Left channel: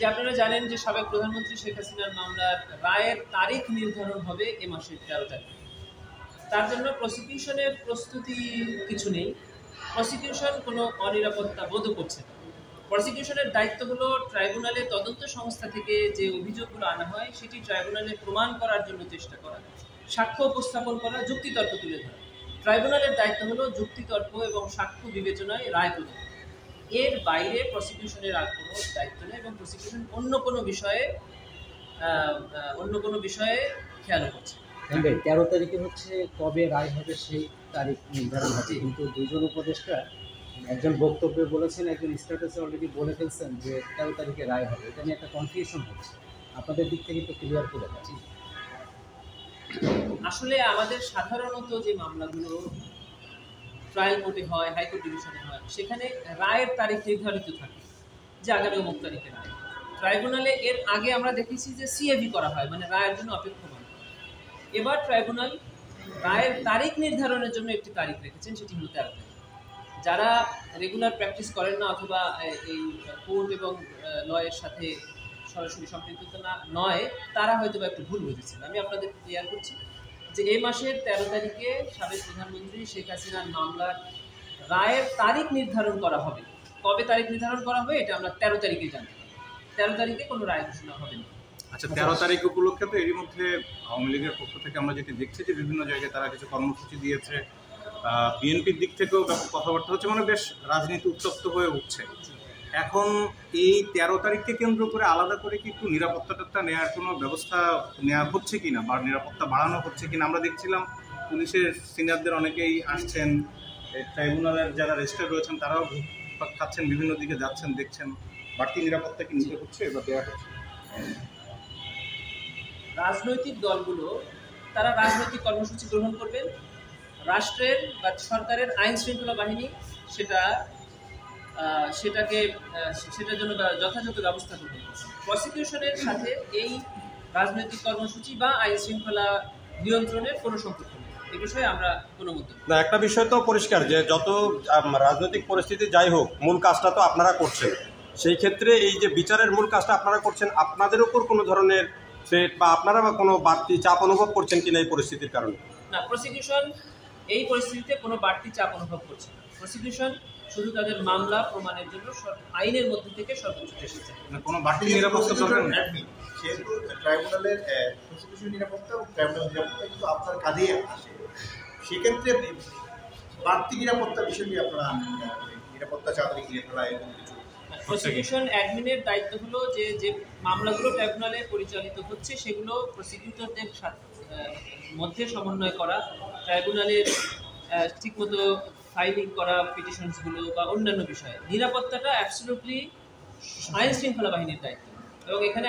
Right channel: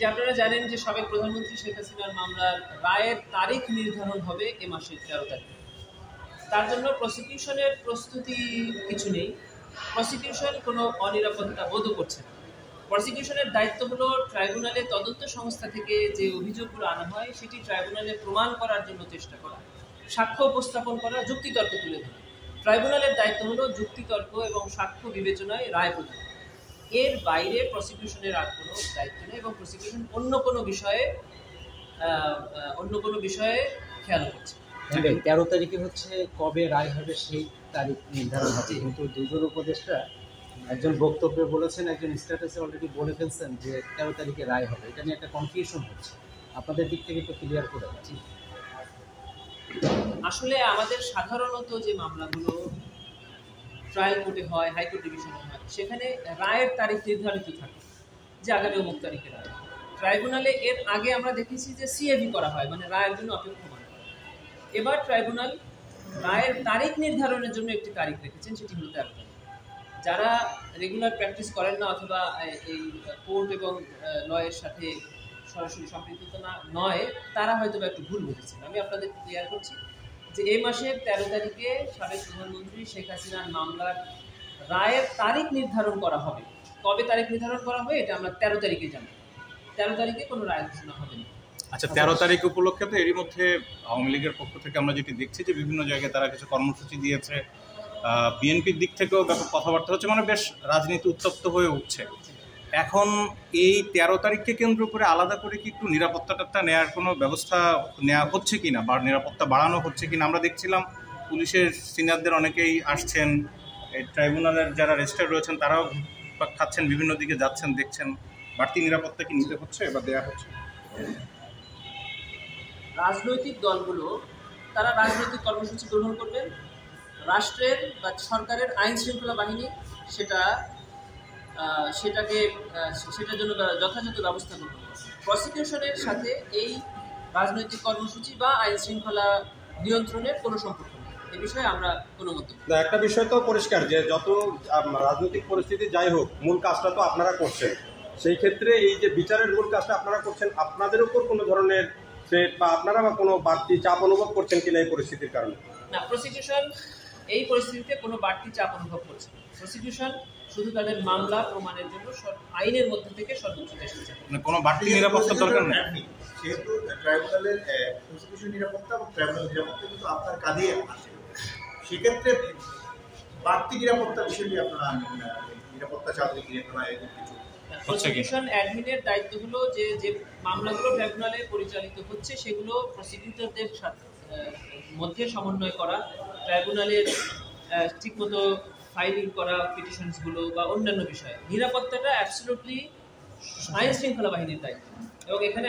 যে আপনারা জানেন যে সাবেক প্রধানমন্ত্রী শেখ হাসিনার মামলার রায়ের তারিখ নির্ধারণ হবে এ মাসের 13 তারিখ। তার জন্য প্রসিকিউশনের প্রস্তুতি কিছু নেই। প্রসিকিউশন কোনো অনিরাপত্তা বোধও করছে না। প্রসিকিউশনের দায়িত্ব হলো ট্রাইব্যুনালে তদন্ত সংস্থা থেকে যে অভিযোগগুলো আনা হয় সেটি ট্রাইব্যুনালে প্রমাণ করার জন্য চেষ্টা করা, সাক্ষ্য উপস্থাপন করা, যুক্তিতর্ক তুলে ধরা। ট্রাইব্যুনালের দায়িত্ব হলো যুক্তিতর্ক এবং সাক্ষ্য বিবেচনায় রায় প্রদান। এর বাইরে প্রসিকিউশনের আর কোনো দায়িত্ব নেই এবং প্রসিকিউশন অন্য কোনো বিষয়ে খেয়ালও করছে। 13 তারিখে হচ্ছে কবে রায় হবে সেই তারিখ নির্ধারণ হবে, কিন্তু দুজন উপদেষ্টা একজন বক্তব্যে বলেছেন, একজন স্ট্যাটাসে অলরেডি বলে ফেলছেন যে 13 তারিখে রায় হবে। এটা নিয়ে একটা কনফিউশন হচ্ছে, আপনাদের দিক থেকে একটু ক্লিয়ার করে দেন। আসলে আমাদের সাধারণত যে মামলাগুলো ট্রায়াল কোর্টে হয়, হাইকোর্ট ডিভিশনে হয়, সেখানে রায়ের তারিখ নির্ধারিত থাকে যে আগামী অমুক তারিখে রায়। ট্রাইব্যুনালে এর আগে আমরা দেখেছি যে সিএভি করা হয়, মানে রায়ের জন্য অপেক্ষমান করা। এবার ট্রাইব্যুনাল রায়ের তারিখ নির্ধারণের জন্য একটি তারিখ রেখেছেন, সেটি হলো 13 তারিখ। যারা রেগুলার প্র্যাকটিস করেন না অথবা এই কোর্ট এবং লয়ের সাথে সরাসরি সম্পৃক্ত নয়, তারা হয়তো একটু ভুল বুঝেছেন। আমি আপনাদের ক্লিয়ার করছি যে এই মাসের 13 তারিখে সাবেক প্রধানমন্ত্রী শেখ হাসিনার মামলার রায়ের তারিখ নির্ধারণ করা হবে। কবে তারিখ নির্ধারণ করা হবে এটা আমরা 13 তারিখে জানতে পারি। 13 তারিখে কোনো রায় ঘোষণা হবে না। আচ্ছা, 13 তারিখ উপলক্ষে তো এরই মধ্যে আওয়ামী লীগের পক্ষ থেকে আমরা যেটি দেখছি যে বিভিন্ন জায়গায় তারা কিছু কর্মসূচি দিয়েছে, বিএনপির দিক থেকেও ব্যাপক কথাবার্তা হচ্ছে, মানে বেশ রাজনীতি উত্তপ্ত হয়ে উঠছে। এখন এই 13 তারিখকে কেন্দ্র করে আলাদা করে কি একটু নিরাপত্তাটা নেওয়ার কোনো ব্যবস্থা নেওয়া হচ্ছে কিনা বা নিরাপত্তা বাড়ানো হচ্ছে কিনা? আমরা দেখছিলাম পুলিশের সিনিয়রদের অনেকেই আসছেন, ট্রাইব্যুনালের যারা রেজিস্ট্রার রয়েছেন তারাও খাচ্ছেন, বিভিন্ন দিকে যাচ্ছেন, দেখছেন। বাড়তি নিরাপত্তা কি নিতে হচ্ছে বা দেওয়া হচ্ছে? রাজনৈতিক দলগুলো তারা রাজনৈতিক কর্মসূচি গ্রহণ করবেন, রাষ্ট্রের বা সরকারের আইন শৃঙ্খলা বাহিনী সেটার জন্য যথাযথ ব্যবস্থা গ্রহণ করবে। প্রসিকিউশনের সাথে এই রাজনৈতিক কর্মসূচি বা আইন শৃঙ্খলা নিয়ন্ত্রণের কোনো সম্পর্ক নেই। এ বিষয়ে আমরা কোনো মন্তব্য না। একটা বিষয় তো পরিষ্কার যে যত রাজনৈতিক পরিস্থিতি যাই হোক, মূল কাজটা তো আপনারা করছেন। সেই ক্ষেত্রে এই যে বিচারের মূল কাজটা আপনারা করছেন, আপনাদের উপর কোনো ধরনের থ্রেট বা আপনারা বা কোনো বাড়তি চাপ অনুভব করছেন কিনা এই পরিস্থিতির কারণে? না, প্রসিকিউশন এই পরিস্থিতিতে কোনো বাড়তি চাপ অনুভব করছে না। প্রসিকিউশন শুধু তাদের মামলা প্রমাণের জন্য আইনের মধ্যে থেকে সর্বোচ্চ চেষ্টা চায়। কোনো বাড়তি নিরাপত্তা দরকার নেই। যেহেতু ট্রাইব্যুনালের প্রসিকিউশন নিরাপত্তা এবং ট্রাইব্যুনাল নিরাপত্তা কিন্তু আপনার কাঁধে আসে, সেক্ষেত্রে বাড়তি নিরাপত্তা বিষয়টি আপনারা নিরাপত্তা চাঁদে ঘিরে ফেলা এরকম কিছু? প্রসিকিউশন অ্যাডমিনের দায়িত্ব হলো যে মামলাগুলো ট্রাইব্যুনালে পরিচালিত হচ্ছে সেগুলো প্রসিকিউটরদের মধ্যে সমন্বয় করা, ট্রাইব্যুনালের ঠিকমতো ফাইলিং করা পিটিশনসগুলো বা অন্যান্য বিষয়ে। নিরাপত্তাটা অ্যাবসলিউটলি আইন শৃঙ্খলা বাহিনীর দায়িত্ব এবং এখানে